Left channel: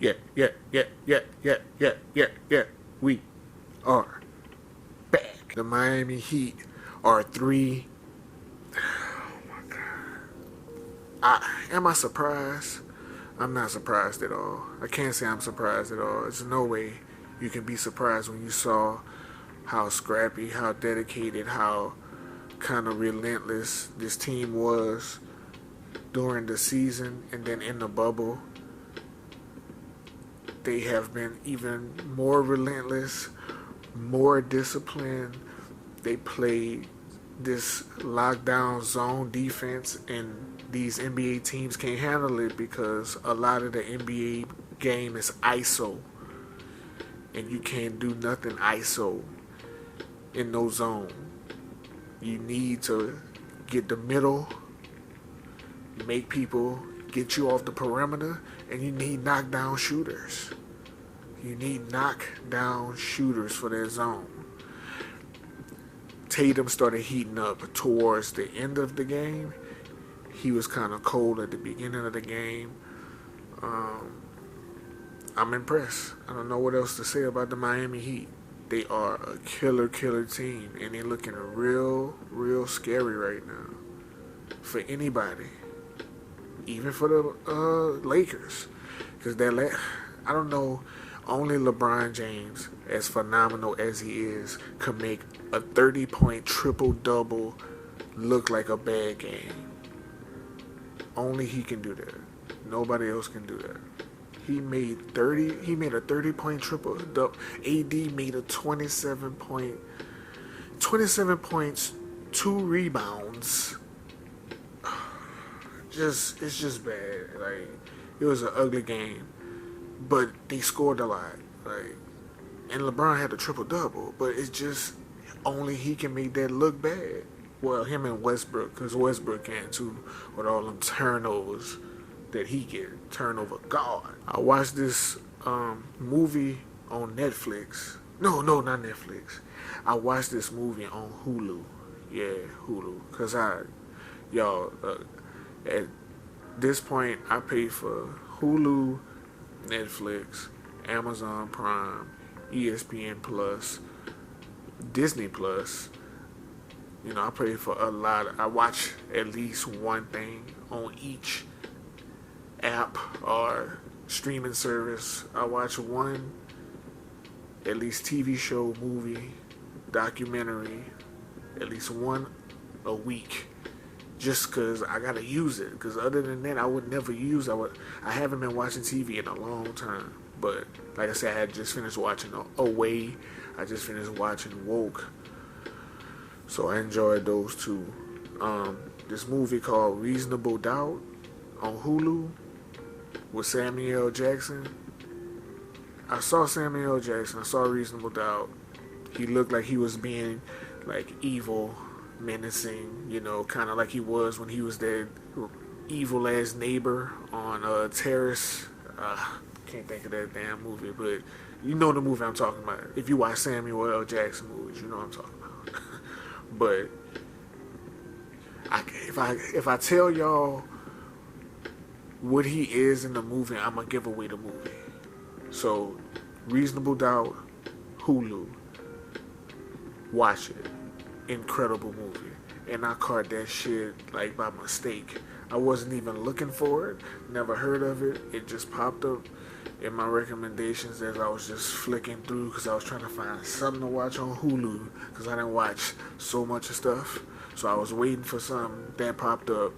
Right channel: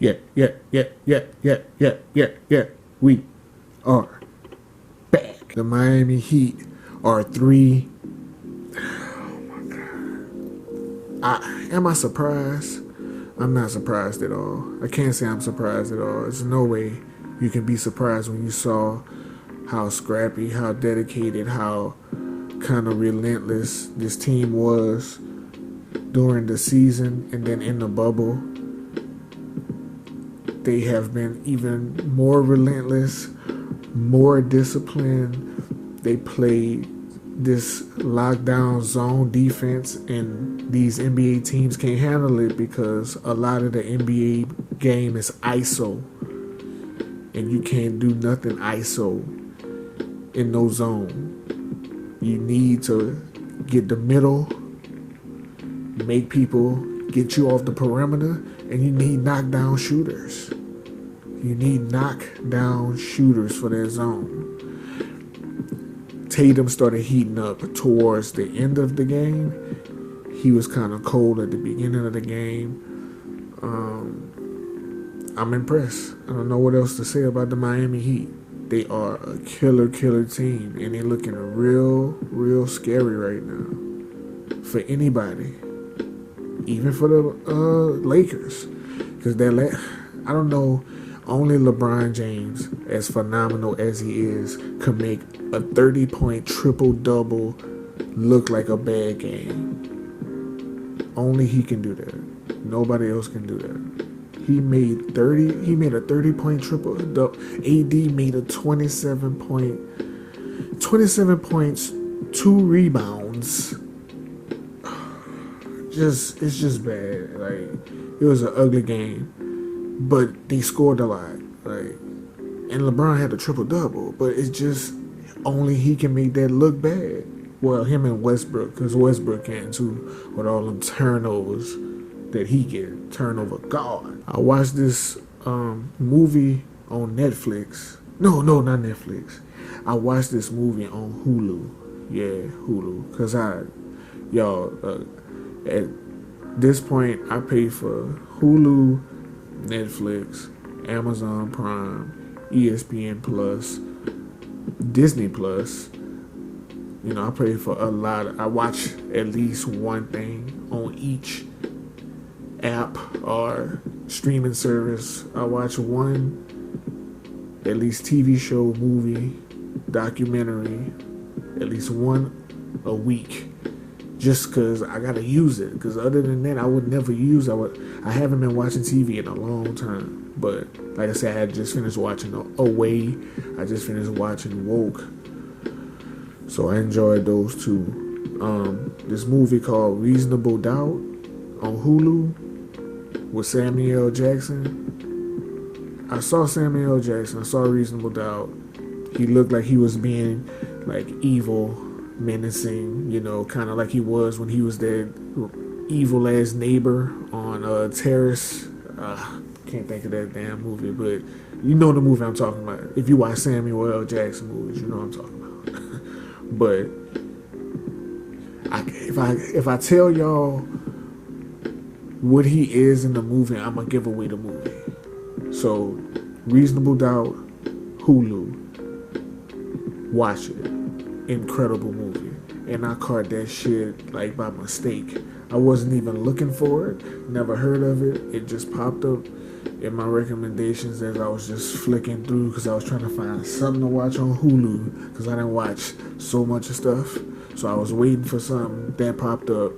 Yeah, yeah, yeah, yeah, yeah, yeah, yeah, yeah. We are back. The Miami Heat are three. Am I surprised? I'm not surprised at all. I can't say I'm surprised at all. There's no way you can be surprised when you saw how scrappy, how dedicated, how kind of relentless this team was during the season and then in the bubble. They have been even more relentless, more disciplined. They play this lockdown zone defense, and these NBA teams can't handle it because a lot of the NBA game is ISO, and you can't do nothing ISO in no zone. You need to get the middle, make people get you off the perimeter, and you need knockdown shooters. You need knockdown shooters for that zone. Tatum started heating up towards the end of the game. He was kind of cold at the beginning of the game. I'm impressed. I don't know what else to say about the Miami Heat. They are a killer team, and they're looking real scary right now for anybody, even for the Lakers, because I don't know. Only LeBron James, as phenomenal as he is, can make a 30-point triple-double look like a bad game. Only he can do that. Nobody else can do that. He made a 30-point triple-double. AD made a 27 points, 2 rebounds. It's just bad. Like, it was an ugly game. But they scored a lot, and LeBron had a triple double. But it's just only he can make that look bad. Well, him and Westbrook, because Westbrook can too, with all them turnovers that he get, turnover god. I watched this movie on Netflix. No, not Netflix. I watched this movie on Hulu. Yeah, Hulu, cause at this point I pay for Hulu, Netflix, Amazon Prime, ESPN Plus, Disney Plus. You know, I pay for a lot. I watch at least one thing on each app or streaming service. I watch one, at least TV show, movie, documentary, at least one a week. Just because I gotta use it. Because other than that, I would never use. I haven't been watching TV in a long time. But like I said, I had just finished watching Away. I just finished watching Woke. So I enjoyed those two. This movie called Reasonable Doubt on Hulu with Samuel Jackson. I saw Samuel Jackson. I saw Reasonable Doubt. He looked like he was being like evil, menacing, kind of like he was when he was that evil ass neighbor on Terrace. Can't think of that damn movie, but you know the movie I'm talking about. If you watch Samuel L. Jackson movies, you know what I'm talking about. But if I tell y'all what he is in the movie, I'm gonna give away the movie. So, Reasonable Doubt, Hulu. Watch it. Incredible movie. And I caught that shit like by mistake. I wasn't even looking for it, never heard of it. It just popped up in my recommendations as I was just flicking through because I was trying to find something to watch on Hulu because I didn't watch so much of stuff. So I was waiting for something that popped up.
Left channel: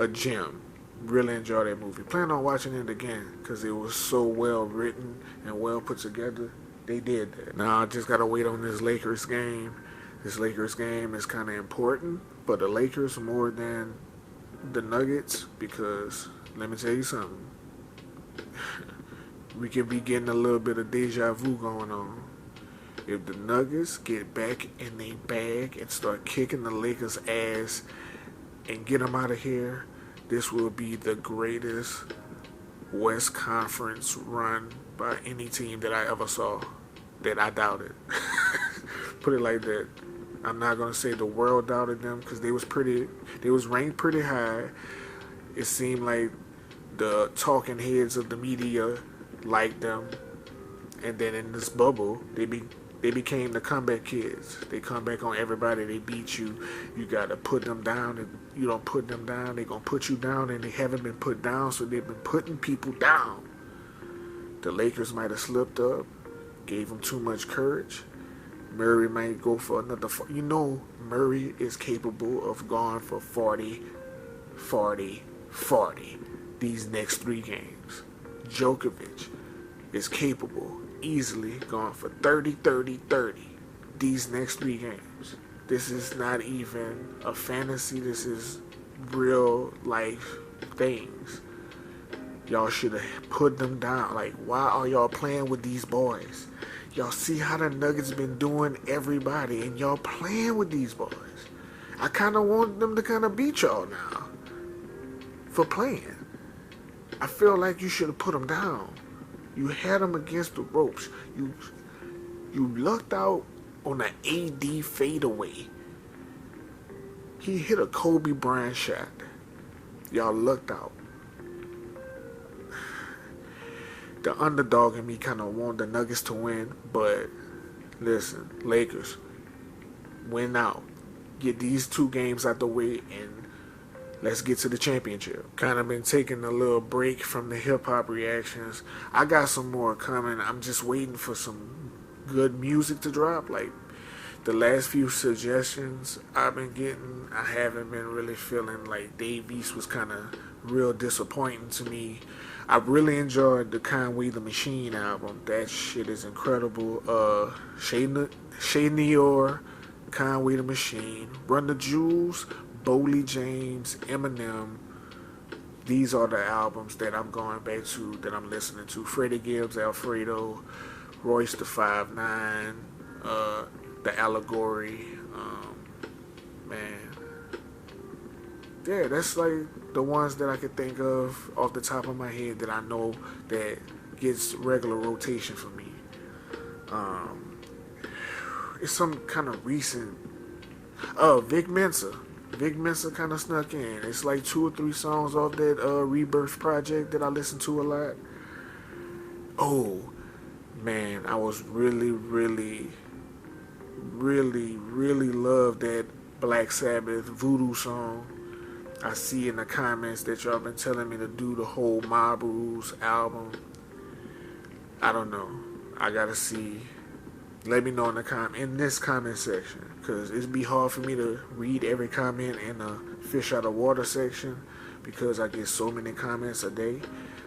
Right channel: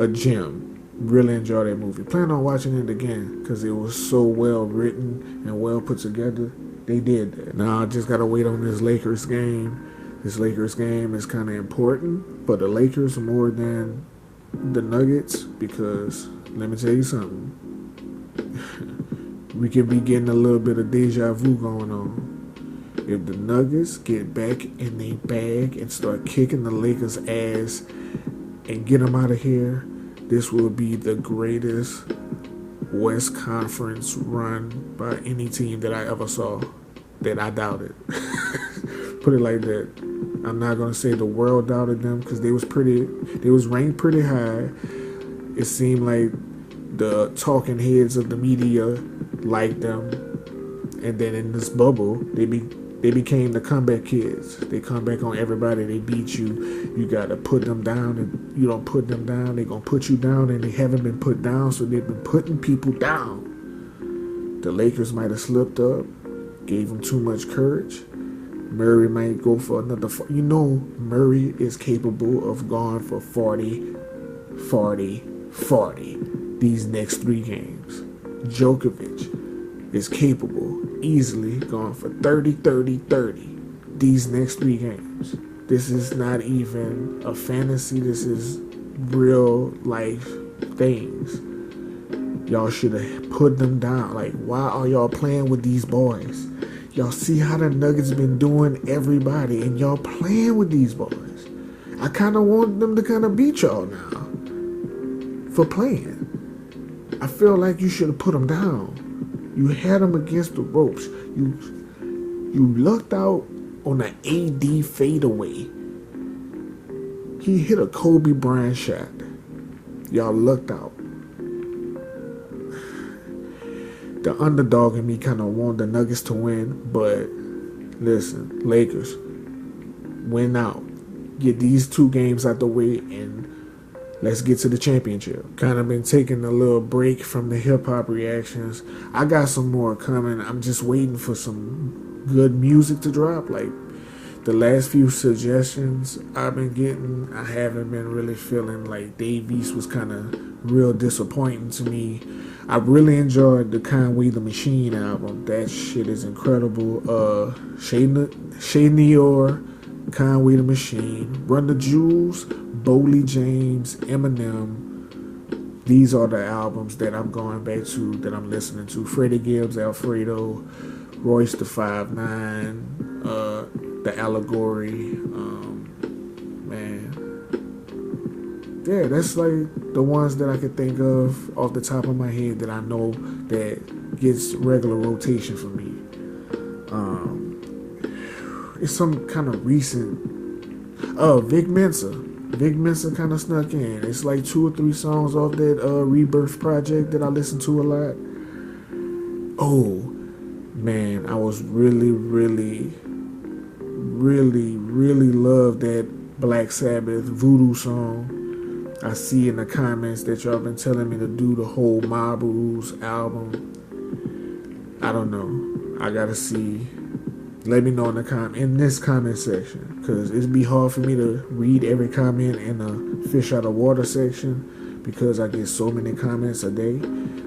A gem. Really enjoyed that movie. Plan on watching it again because it was so well written and well put together. They did that. Now I just gotta wait on this Lakers game. This Lakers game is kind of important, but the Lakers more than the Nuggets because let me tell you something. We could be getting a little bit of deja vu going on. If the Nuggets get back in their bag and start kicking the Lakers' ass and get them out of here, this will be the greatest West Conference run by any team that I ever saw. That I doubted. Put it like that. I'm not gonna say the world doubted them because they was ranked pretty high. It seemed like the talking heads of the media liked them, and then in this bubble, they became the comeback kids. They come back on everybody. They beat you. You gotta put them down, and you don't put them down, they gonna put you down, and they haven't been put down, so they've been putting people down. The Lakers might have slipped up, gave them too much courage. Murray might go for another. Murray is capable of going for 40, 40, 40 these next 3 games. Djokovic is capable, easily going for 30, 30, 30 these next 3 games. This is not even a fantasy. This is real life things. Y'all should have put them down. Like, why are y'all playing with these boys? Y'all see how the Nuggets been doing everybody, and y'all playing with these boys. I kind of want them to kind of beat y'all now for playing. I feel like you should have put them down. You had them against the ropes. You lucked out on an AD fadeaway. He hit a Kobe Bryant shot. Y'all lucked out. The underdog in me kind of wanted the Nuggets to win, but listen, Lakers, win out. Get these 2 games out the way, and let's get to the championship. Kind of been taking a little break from the hip-hop reactions. I got some more coming. I'm just waiting for some good music to drop. Like, the last few suggestions I've been getting, I haven't been really feeling. Like, Dave East was kind of real disappointing to me. I really enjoyed the Conway the Machine album. That shit is incredible. Shay Neor, Conway the Machine, Run the Jewels, Boley James, Eminem. These are the albums that I'm going back to, that I'm listening to. Freddie Gibbs, Alfredo, Royce the 5'9", The Allegory. Man. Yeah, that's like the ones that I could think of off the top of my head that I know that gets regular rotation for me. It's some kind of recent. Vic Mensa. Vic Mensa kind of snuck in. It's like 2 or 3 songs off that Rebirth project that I listen to a lot. Oh, man, I was really love that Black Sabbath Voodoo song. I see in the comments that y'all been telling me to do the whole Mob Rules album. I don't know. I gotta see. Let me know in this comment section, because it'd be hard for me to read every comment in the fish out of water section, because I get so many comments a day,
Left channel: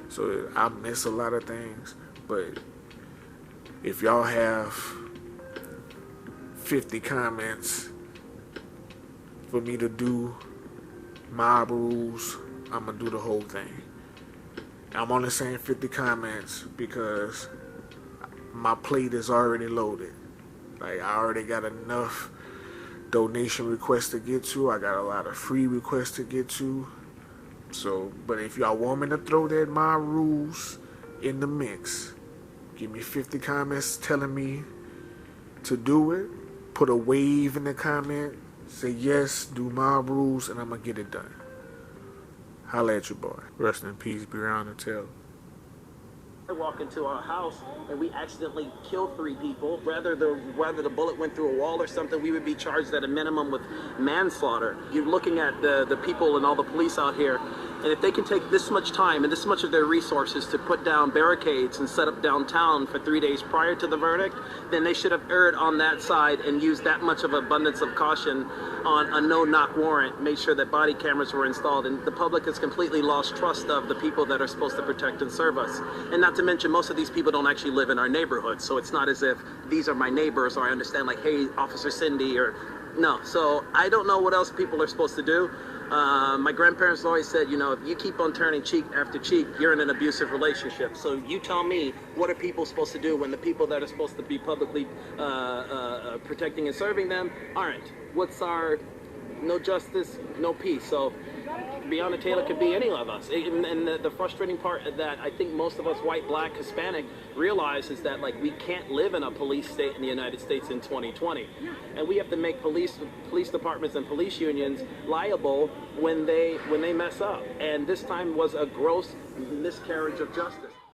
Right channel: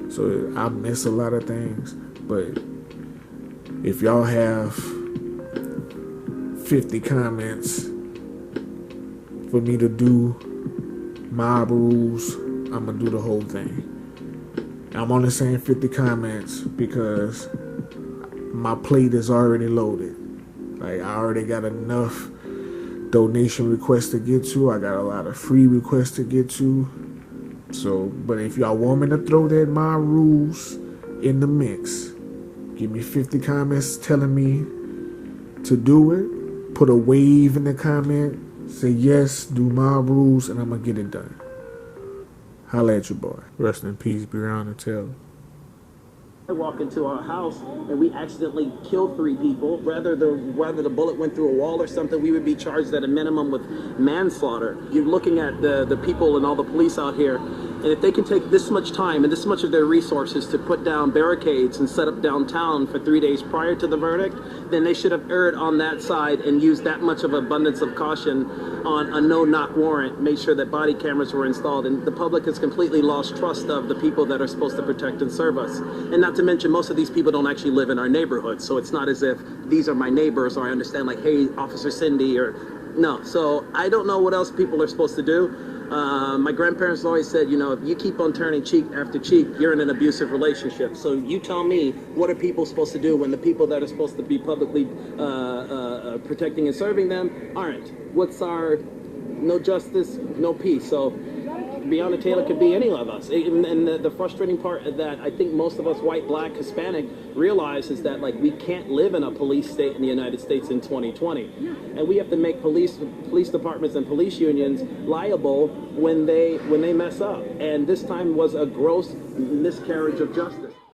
so I miss a lot of things. But if y'all have 50 comments for me to do Mob Rules, I'm gonna do the whole thing. I'm only saying 50 comments because my plate is already loaded. Like, I already got enough donation requests to get to. I got a lot of free requests to get to. So, but if y'all want me to throw that My Rules in the mix, give me 50 comments telling me to do it. Put a wave in the comment. Say yes, do My Rules, and I'm going to get it done. Holla at your boy. Rest in peace, Breonna Taylor. I walk into our house and we accidentally kill 3 people, whether the bullet went through a wall or something, we would be charged at a minimum with manslaughter. You're looking at the people and all the police out here, and if they can take this much time and this much of their resources to put down barricades and set up downtown for 3 days prior to the verdict, then they should have erred on that side and used that much of abundance of caution on a no-knock warrant, made sure that body cameras were installed, and the public has completely lost trust of the people that are supposed to protect and serve us. And not to mention, most of these people don't actually live in our neighborhood, so it's not as if these are my neighbors, or I understand, like, hey, Officer Cindy, or no. So I don't know what else people are supposed to do. My grandparents always said, you know, if you keep on turning cheek after cheek, you're in an abusive relationship. So you tell me, what are people supposed to do when the people that are supposed to be publicly protecting and serving them aren't? What's our no justice, no peace? So Breonna Taylor could be any of us. And the frustrating part of that, I think most of us, white, black, Hispanic, realize is that, like, we can't live in a police state in the United States in 2020. And we have to make police departments and police unions liable when they mess up. And this time was a gross miscarriage of justice.